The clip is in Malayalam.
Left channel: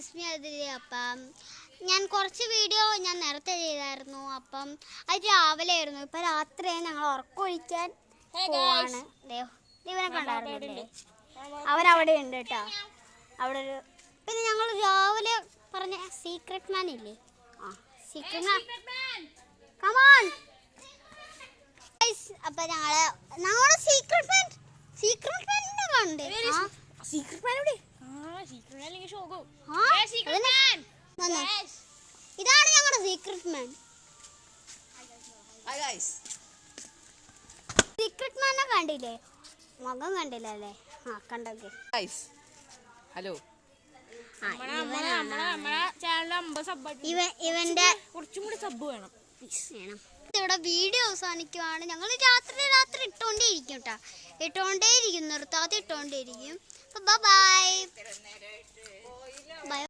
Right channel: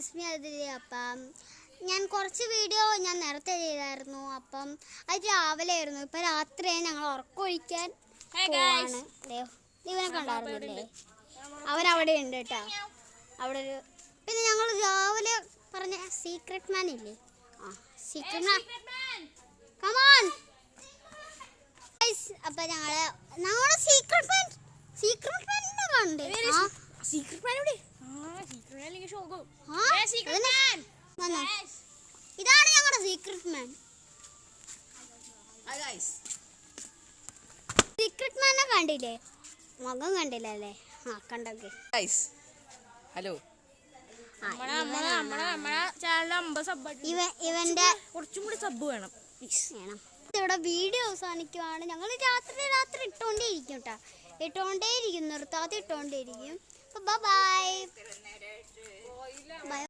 ഇസ്മി അതിരി. അപ്പം ഞാൻ കുറച്ച് വീഡിയോ ഞാൻ നേരത്തെ ചെയ്തായിരുന്നു. അപ്പം അത് രാവിലെ ആയിരുന്നു. ഇപ്പം രാത്രിയായി. ഞങ്ങൾ ഉറക്കമൊഴിക്കാൻ പോവാണ്. ഇവനെ കണ്ടായിരുന്നല്ലേ, അവനവിടെ ഉണ്ട് കേട്ടോ. അവിടെ ഒരു പിന്നെ ഞങ്ങൾ രാവിലെ പറഞ്ഞ സീക്രട്ട് മാൻ ഇല്ലേ, സീക്രട്ട് മാൻ കമോൺ. അപ്പൊ ഞങ്ങളെ സീക്രട്ട് മാനിനെ കണ്ടേ. ഇതാണ് ഞങ്ങളുടെ സീക്രട്ട് മാൻ. സീക്രട്ട് മാനെ കണ്ടില്ലേ? മുഖം കണ്ടില്ല അല്ലേ? കണ്ടോക്കെ. ഹലോ, ഇവന്റെ കുറച്ചും കൂടി സബ് വേണം. ഇവിടെ വീഡിയോ അവസാനിക്കുവാണ്. ഞങ്ങൾ രാത്രി ഇട്ടോണ്ടേയിരിക്കും കേട്ടോ. നിർത്താതെ ഇട്ടോണ്ടേയിരിക്കും. ബൈ.